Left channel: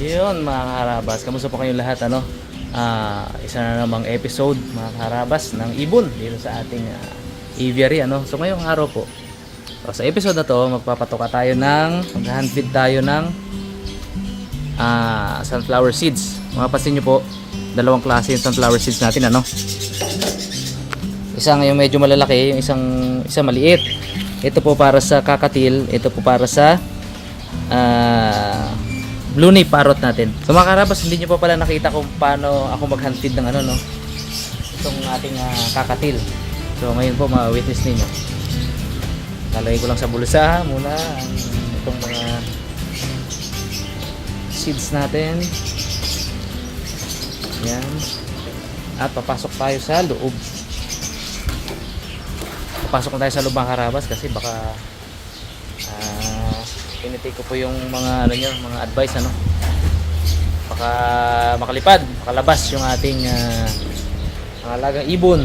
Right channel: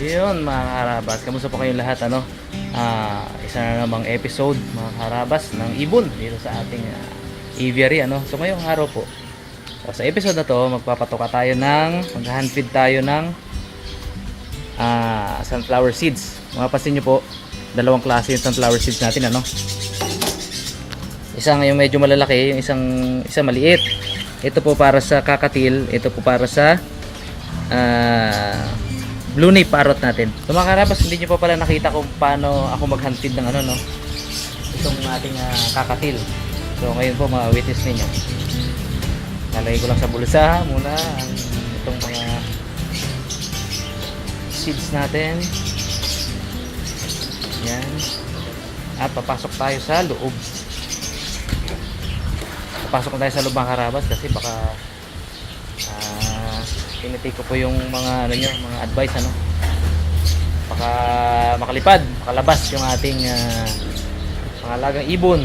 Yun mga karabas, kamusta po kayong lahat ano? Isa na namang episode mga karabas ng ibon dito sa ating aviary ano. So ngayong araw po, so, sa episode na to magpapatoka tayo ng mag-handfeed tayo ng sunflower seeds. Mapapansin nyo po, dalawang klase yung sunflower seeds natin ano. Isang yung medyo malalaki, yung isang maliit. Ito po para sa kakatil, ito po para sa blue nape parrot natin. So mga karabas, hindi nyo pa pala nakita kung paano ako mag-handfeed ng ano no, itong ating kakatil. So ngayon po ma-witness ninyo. Lalagay ko lang sa bulsa muna ang itong mga seeds natin. Yan. At papasok tayo sa loob. Papasok na tayo sa loob mga karabas kasi baka tinitake ko po yung mga ano nyo, mga advice ano. Baka makalipad, makalabas yung ating mga alagang ibon.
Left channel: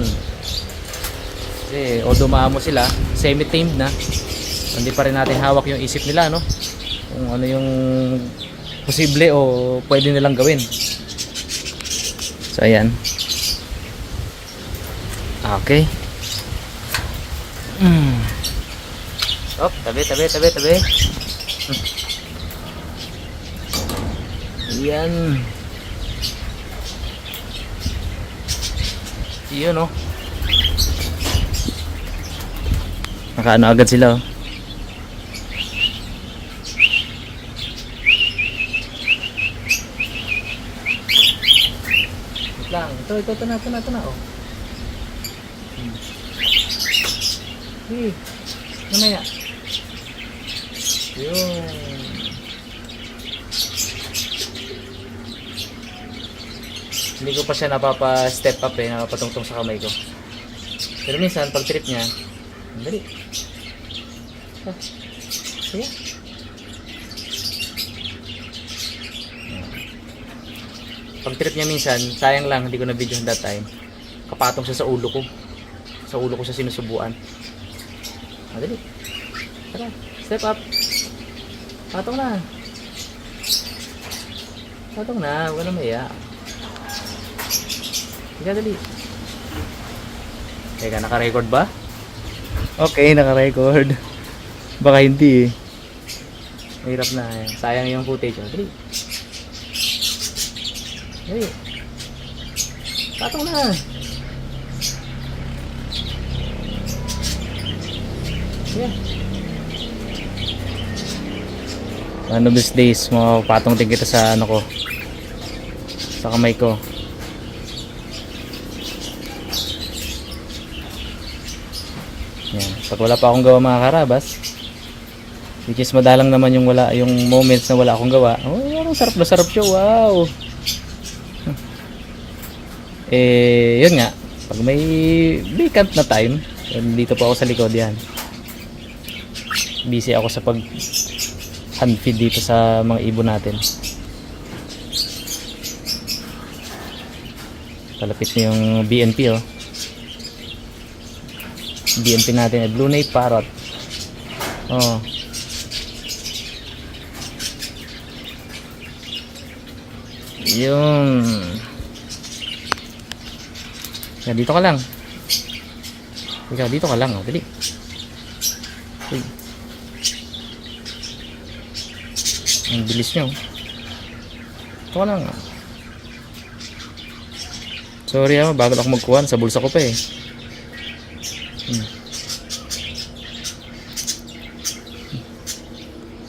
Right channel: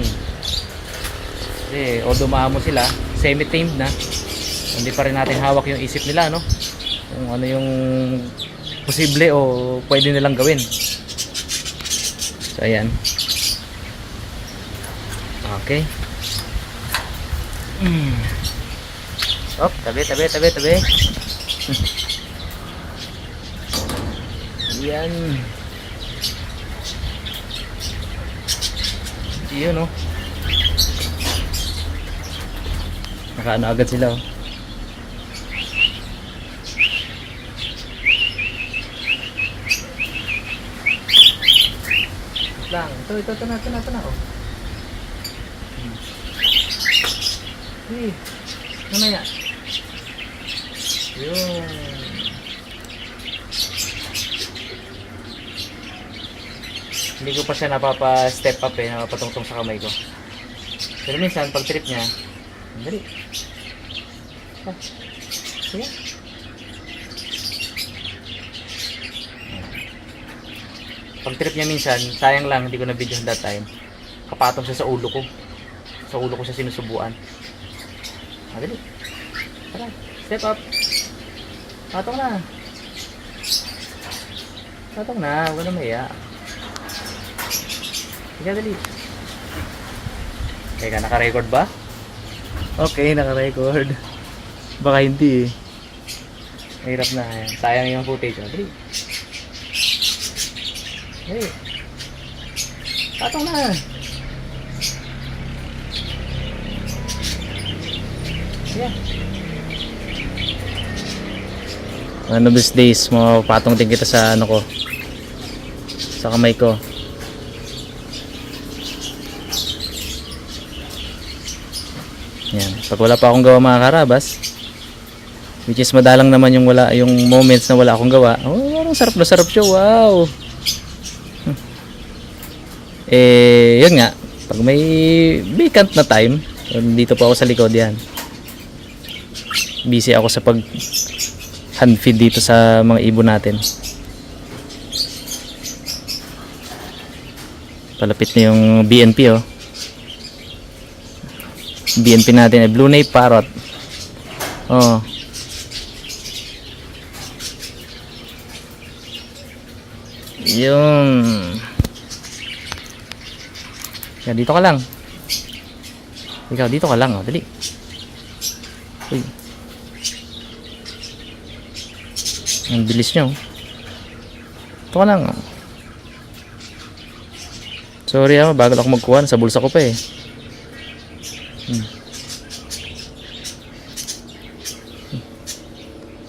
Kasi although maamo sila, semi-tamed na, hindi pa rin natin hawak yung isip nila no. Kung ano yung posible o pwede nilang gawin. So ayan. Okay. Op, tabi. Yan. Yun oh. Nakaano agad sila oh. Wait lang. Ito na oh. Mamaya. Yun. Hindi ko pa siya napapa-step up napapatungtong sa kamay ko. Pero minsan, pag trip niya, dali. Sige. Pag trip niya minsan, sayang lang, hindi ko na video that time. Kapatong siya sa ulo ko. Sa ulo ko siya sinusubuan. Dali. Tara, step up. Patong na. Huwag ka na maya. Sige, dali. Teka, naka-record ba? Okay, naka-record. Baka hindi eh. Mahirap na. Sayang yung footage. Dali. Patong na. Sige. One of these days, mapapatong din kita sa ano ko, sa kamay ko. Yan. Pag wala pa akong gawa mga karabas, which is madalang naman yung moments na wala akong gawa. Oh, parang sarap na sarap siya. Wow. Yun nga. Pag may vacant na time, dito po ako sa likod yan. Busy ako sa pag handfeed dito sa mga ibon natin. Palapit na yung BNP oh. BNP natin ay blue nape parrot. Oh. Yun. Yan, dito ka lang. Ikaw, dito ka lang oh. Dali. Uy. Ang bilis nyo. Ito ka lang. Sorry bagal ako magkuhan. Sa bulsa ko pa eh.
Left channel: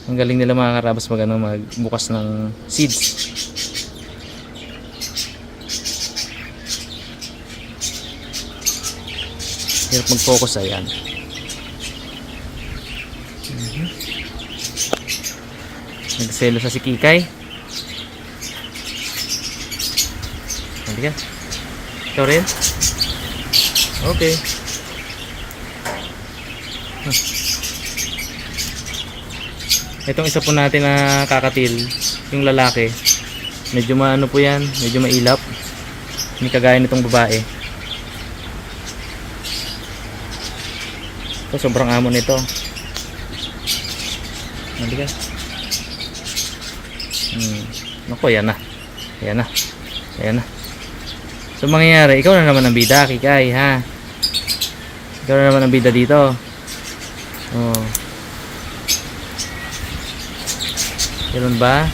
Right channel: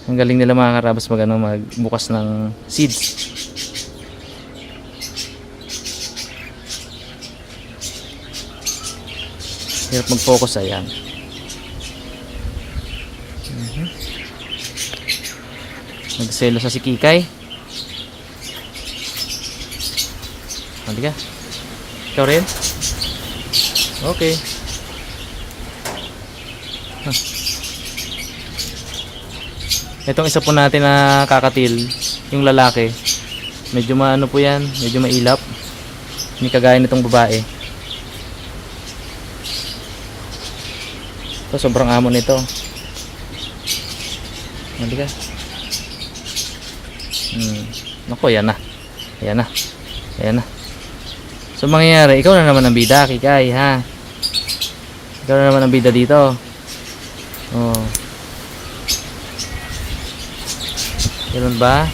Ang galing nila mga karabas magbukas ng seeds. Hirap mag-focus ayan. Nagselo sa si Kikay. Nanti ka? Ikaw rin? Okay. Itong isa po natin na kakatil, yung lalaki. Medyo maano po yan, medyo mailap. Hindi kagaya nitong babae. Ito sobrang amo nito. Nanti ka? Naku, yan na. Ayan na. Ayan na. So, mangyayari, ikaw na naman ang bida, Kikay, ha? Ikaw na naman ang bida dito. Oh. Ganun ba?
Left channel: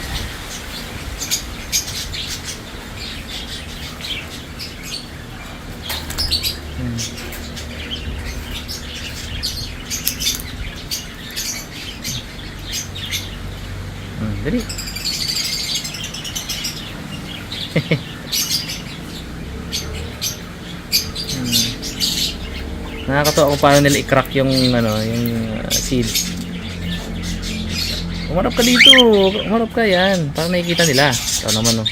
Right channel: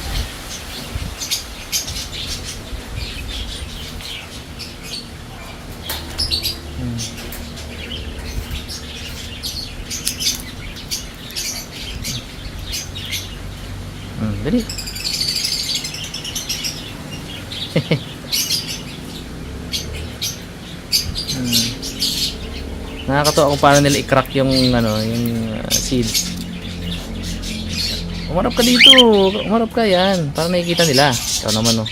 Dali. Nakakatawa kung paano nila i-crack yung ano, yung seeds. Umarap ka dito. Umarap ka yan. Para nakikita nila. Ikaw naman, no.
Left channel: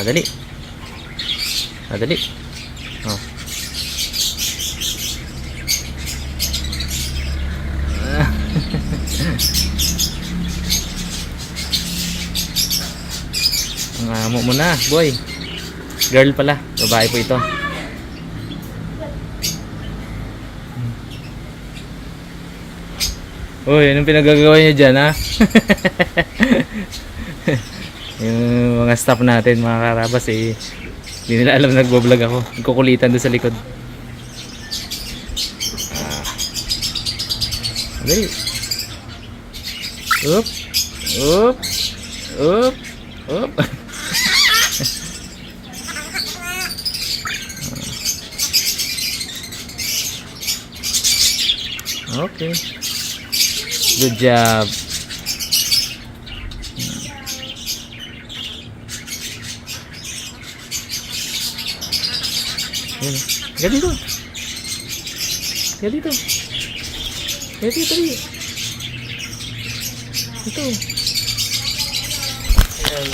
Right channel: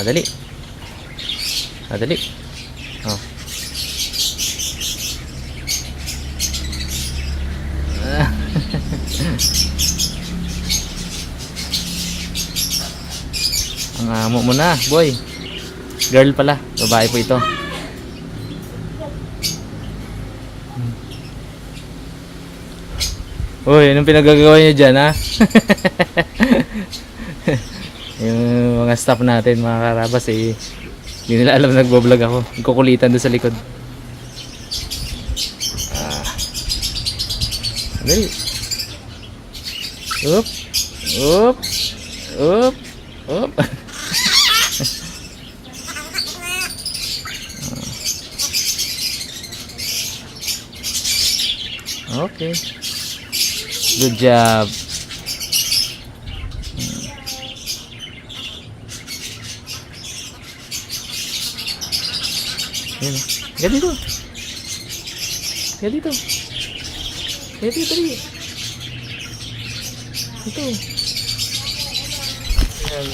Dali. Dali. Oh. Ang amo mo na, boy. Girl pala, babae po ito. Uy, anong pinagagawa niyo dyan, ha? Yung mga staff natin, mga karabas, eh, hindi nila alam nagbo-vlog ako. Nagkukulitan doon sa likod. Dali. Up. Up. Up. Up. Okay. Good job. Ayan. Kaya dito. Kaya dito. Kaya dito. Ito. Ayan.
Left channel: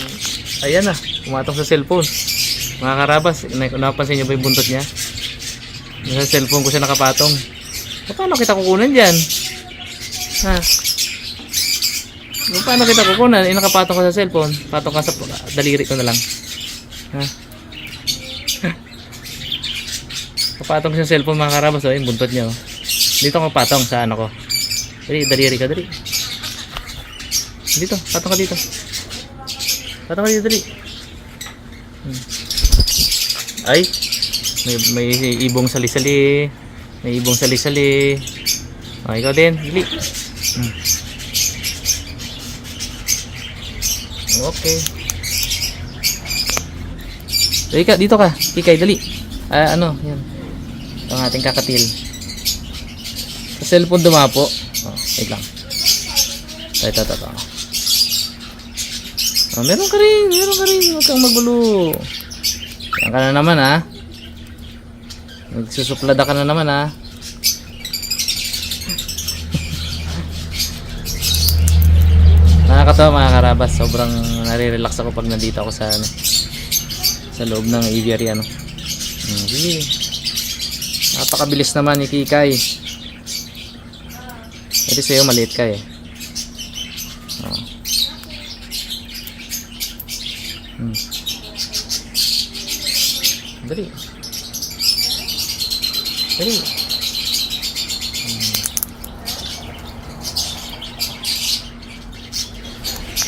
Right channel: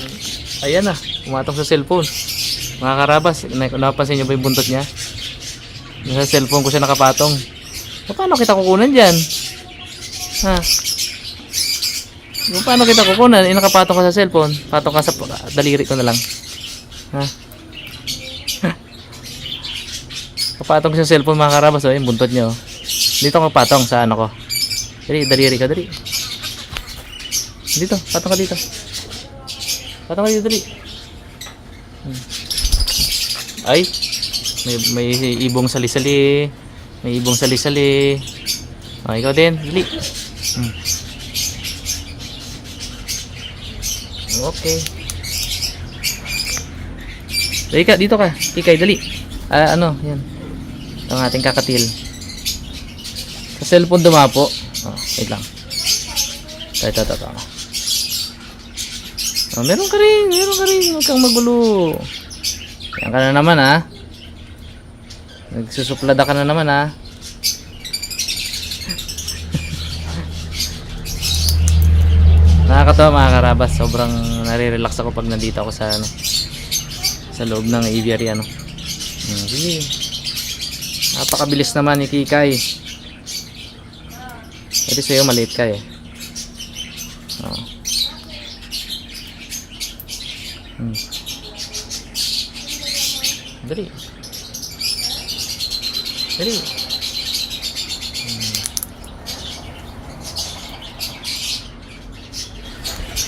Ayan na. Pumatong sa cellphone. Mga karabas, napansin niyo ba yung buntot niya? Sa cellphone ko siya nakapatong. Paano kita kukunan dyan? Ha? Paano kita kukunan? Nakapatong ka sa cellphone. Patong ka sa daliri ko na lang. Ha? Kapatong sa cellphone, mga karabas, yung buntot niya. Dito ka patong sa ano ko. Dali, daliri ka, dali. Dito, patong ka dito. Patong ka dito, dali. Ay, may ibong sali-sali. May ibong sali-sali. O, ikaw din, dali. Okay. Dali ka, dito ka. Pikay, dali. Ano, yan. Ito ang ating kakatil. Sa cellphone dumapo. Wait lang. Ito. Meron ka rin. Huwag kang magulo. Yan ka na naman, ha. Nagsusuplada ka na naman, ha. Nakakatawa, mga karabas. Sobrang nare-relax ako pag nandito ako sa ano, sa loob ng aviary, ano. Sige. Napakabilis naman ni Kikay. Kasi sa'yo maliit ka, eh. Dali.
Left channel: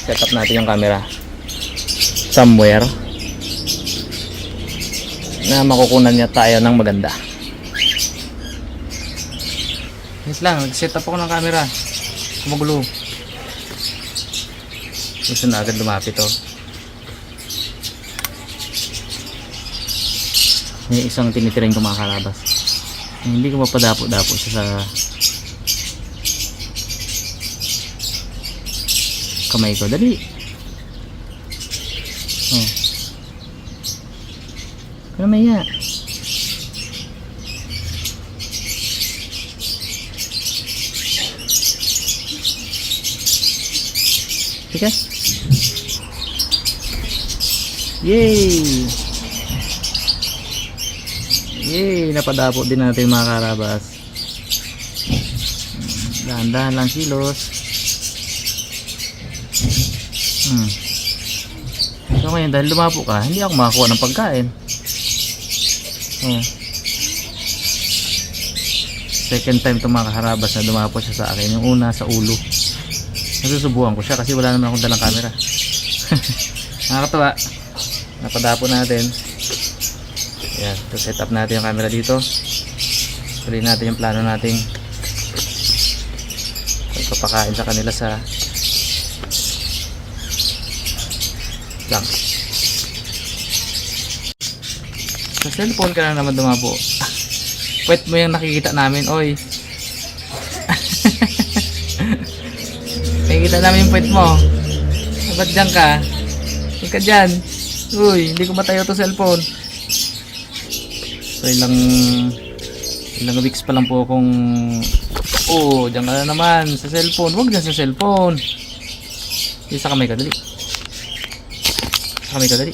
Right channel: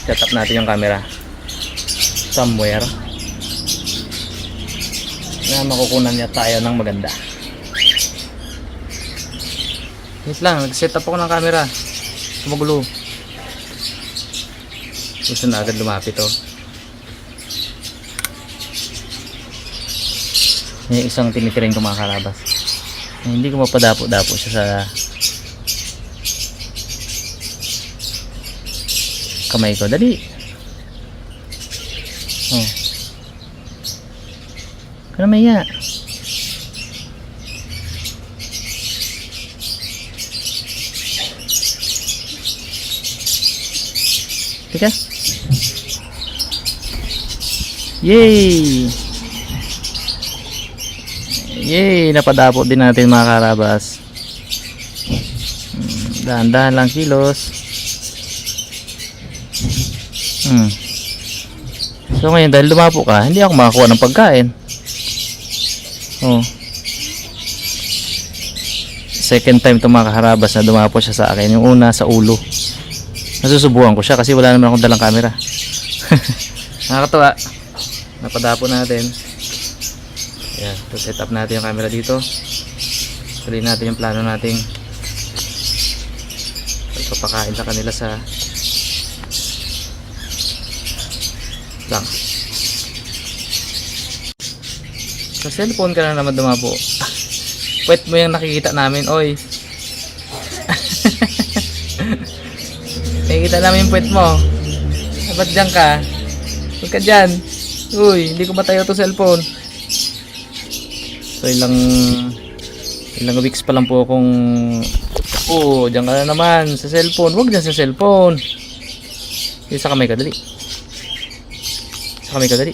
Set up natin yung camera somewhere na makukunan niya tayo ng maganda. Wait lang, nag-set up ako ng camera. Magulo. Gusto na agad lumapit, oh. May isang tinitirain ko, mga karabas. Hindi ko mapadapo-dapo siya sa kamay ko. Dali. Oh. Pero maya. Tika. Yay! Yay! Napadapo din natin, mga karabas. Dahan-dahan lang kilos. So ngayon, dahil lumapo ka, hindi ako makakuha ng pagkain. second time itong mga kaharabas na dumapo siya sa akin. Yung una sa ulo. Nasusubukan ko siya kasi wala naman akong dalang camera. Nakakatawa. Napadapo natin. Yan, to set up natin yung camera dito. Tuloy natin yung plano nating pagpapakain sa kanila sa lang. Sa cellphone ka na naman dumapo. Puwet mo yung nakikita namin, oy. Nakikita namin yung puwet mo. Ba't dyan ka? Huwag ka dyan. Uy, hindi ko matayo to cellphone. So ilang weeks pa lang po akong dyan ka na naman sa cellphone. Huwag dyan sa cellphone. Sa kamay ka, dali. Sa kamay ka, dali.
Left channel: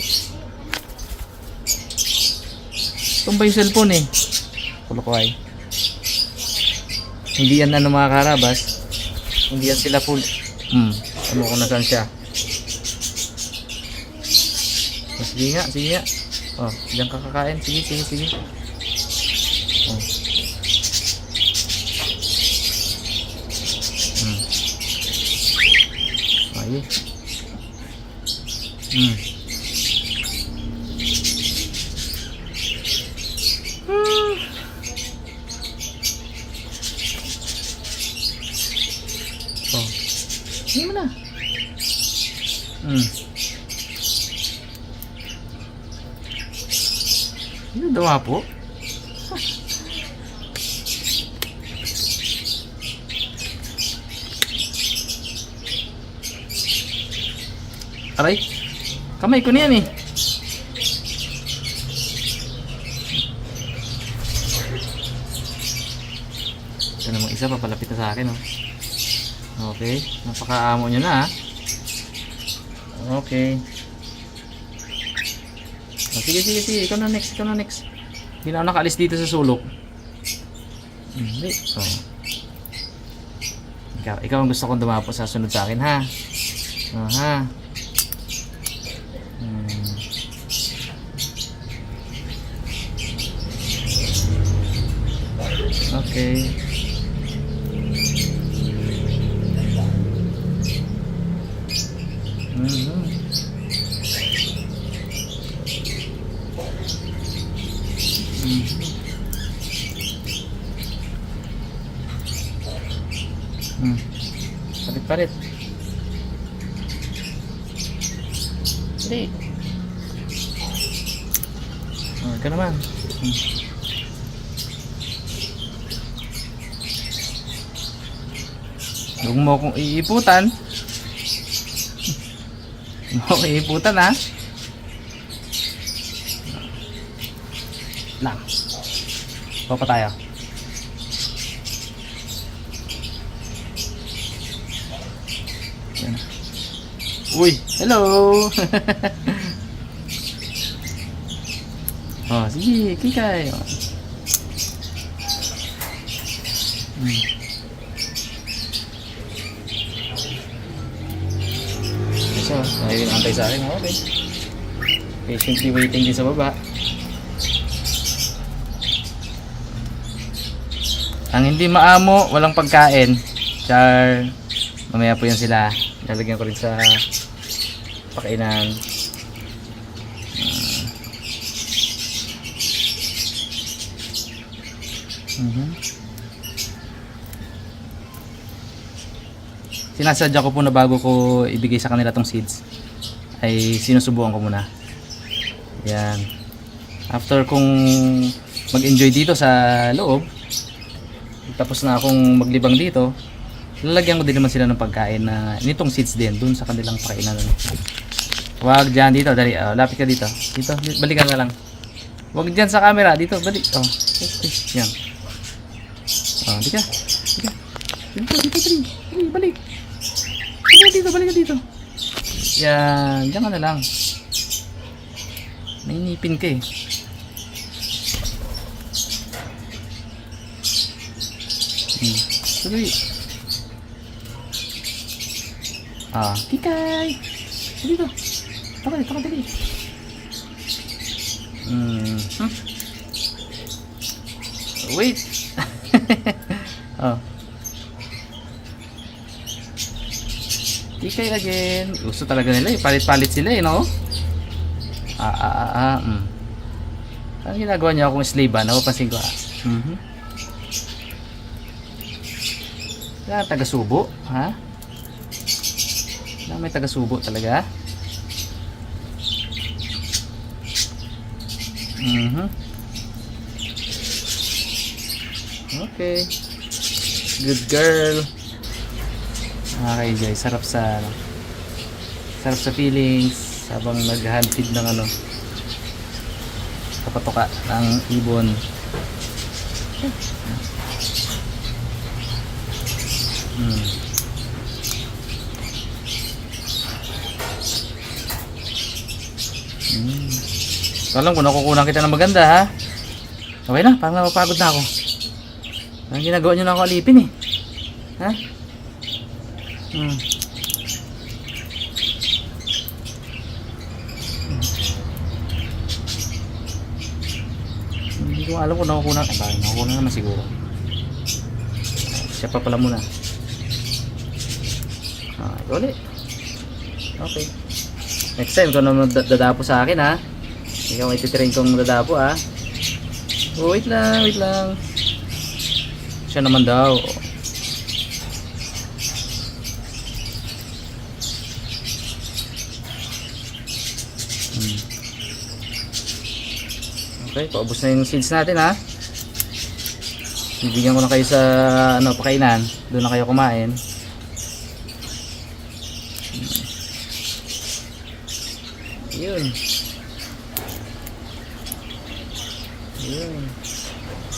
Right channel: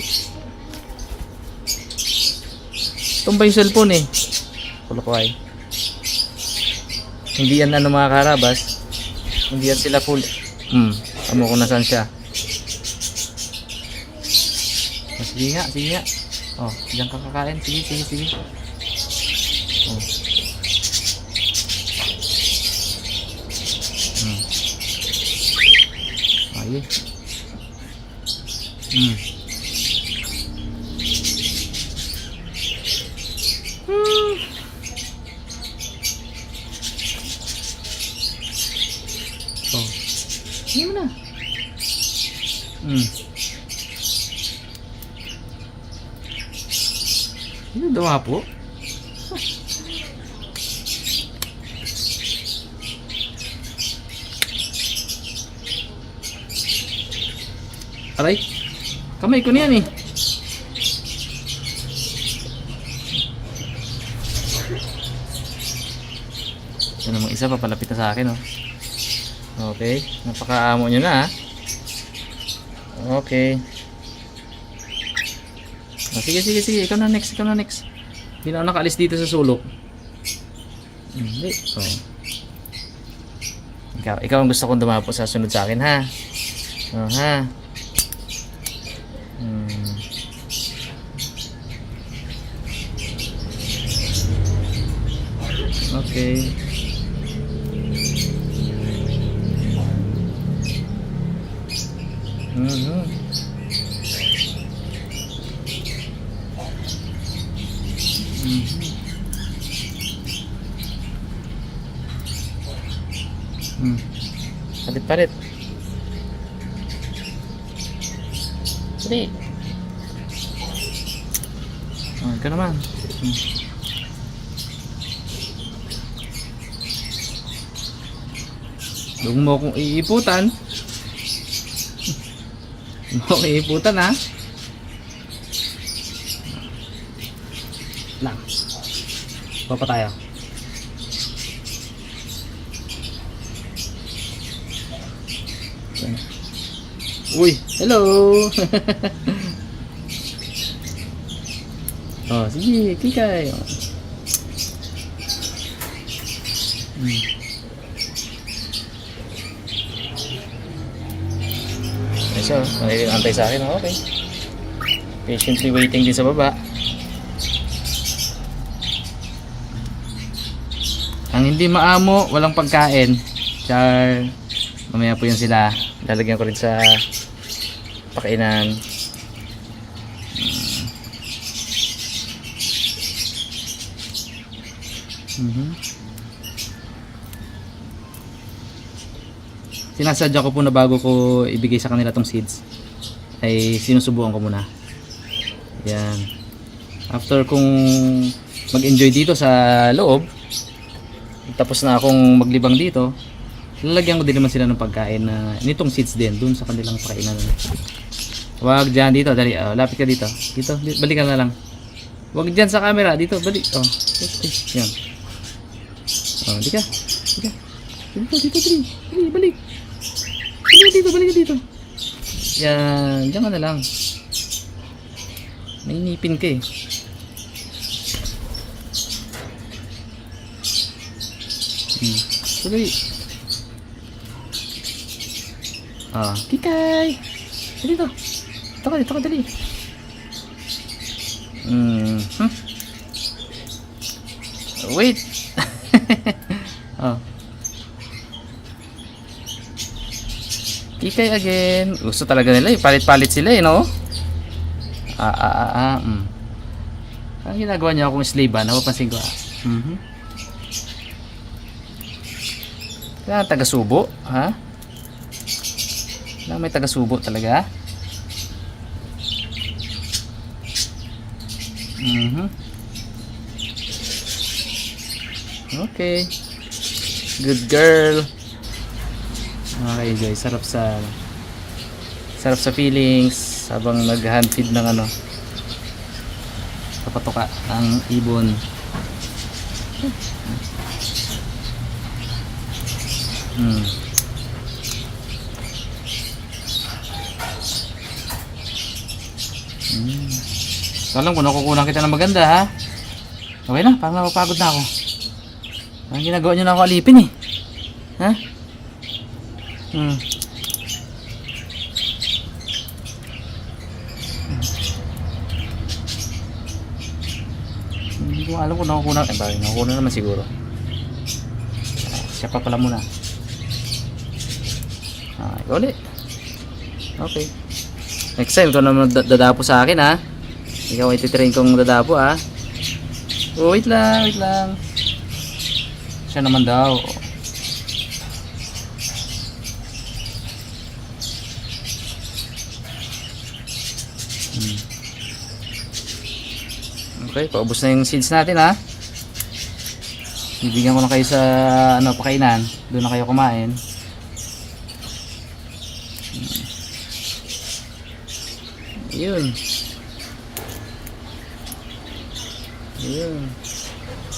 Tumba yung cellphone eh. Kulo ko ay. Hindi yan mga karabas. Hindi yan sila full. Ano kung nasaan siya. Sige nga, sige nga. Diyan ka kakain. Sige. Ayun. Hindi mo na. Hindi dumapo. Aray, kamay ko na yan eh. Ito namang isa, papalapit na sa akin oh. Okay, napakaamo nyo na ha. Okay. Sige, ikaw na next. Hindi na ako nakaalis dito sa sulok. Hindi. Ikaw ang gusto kong dumapo sa sunod sa akin ha. Ha. Okay. Palit. Sige. Ito naman. Huwag mo akong iiputan. Ha? Lang. Papa tayo. Yan. Uy, hello. Sige, kikay. So, nakikintay sa akin. Okay. Patiently waiting din sa baba. Ang hindi maamo, walang pagkain. Char. Mamaya po yan sila. Lalagyan ko rin sa pakainan. Sinasadya ko po na bago ko ibigay sa kanila tong seeds ay sinusubukan ko muna. Yan. After kung mag-enjoy dito sa loob, tapos na akong maglibang dito, lalagyan ko din naman sila ng pagkain na nitong seeds din dun sa kanilang pakainan. Wag dyan dito, dali. Lapit ka dito. Dito, balikan na lang. Wag dyan sa camera, dito, balik. Yan. Di ka. Dito, balik. Balik dito. Yan, diyan ka na lang. May nipin ka eh. Tuloy. Tikay. Dito. Ito ka, dali. Wait. Oh. Kikay again. Gusto talaga nila, palit-palit sila no? Ang ginagawa niya akong slave napapansin ko Kaya taga-subo, ha? May taga-subo talaga. Okay. Good girl. Okay guys, sarap sa feelings habang nag-hand feed ng kapatoka ng ibon. Alam ko nakukunan kita ng maganda ha. Okay na, parang napapagod na ako. Ang ginagawa nyo na ako alipin ha? Hindi ko alam kung nakukunan. Bakit nakukunan naman siguro. Siya pa pala muna. Ulit. Okay. Next time kung naman dadapo sa akin ha. Ikaw ititrain kong dadapo ha. Wait lang. Siya naman daw. Okay, paubos na yung seeds natin ha. Bibigyan ko na kayo sa pakainan. Doon na kayo kumain. Yun.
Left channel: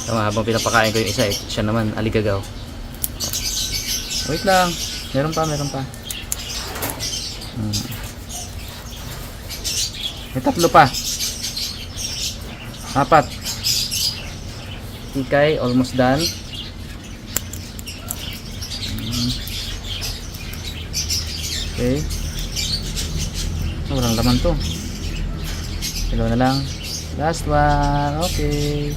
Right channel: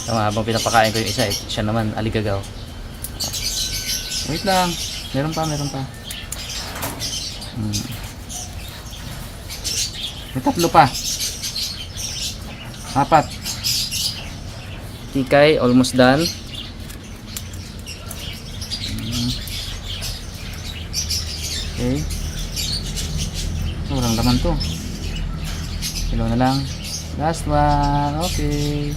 Tama, habang pinapakain ko yung isa, siya naman aligagaw. Wait lang. Meron pa. May 3 pa. 4. Tikay, almost done. Okay. Walang laman to. Hello na lang. Last one. Okay.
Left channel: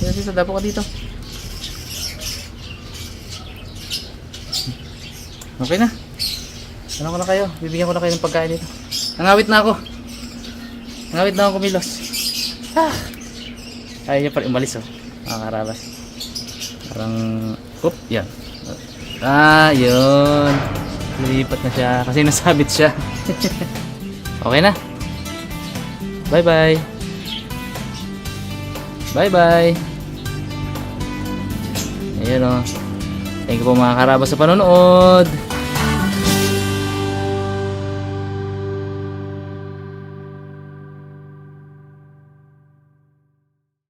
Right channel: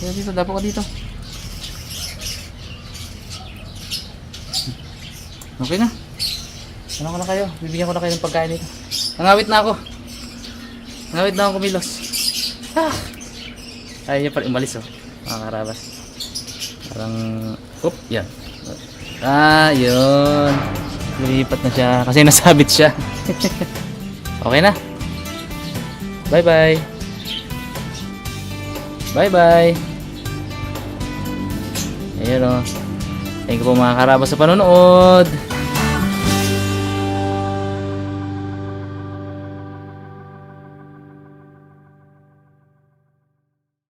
Dito, dapo ka dito. Okay na. Ano ko na kayo? Bibigyan ko na kayo ng pagkain dito. Nangawit na ako kumilos. Ayaw niya pa rin umalis mga karabas. Parang yan. Yun. Lumipat na siya kasi nasabit siya. Okay na. Bye bye. Ayan Thank you po mga karabas sa panonood.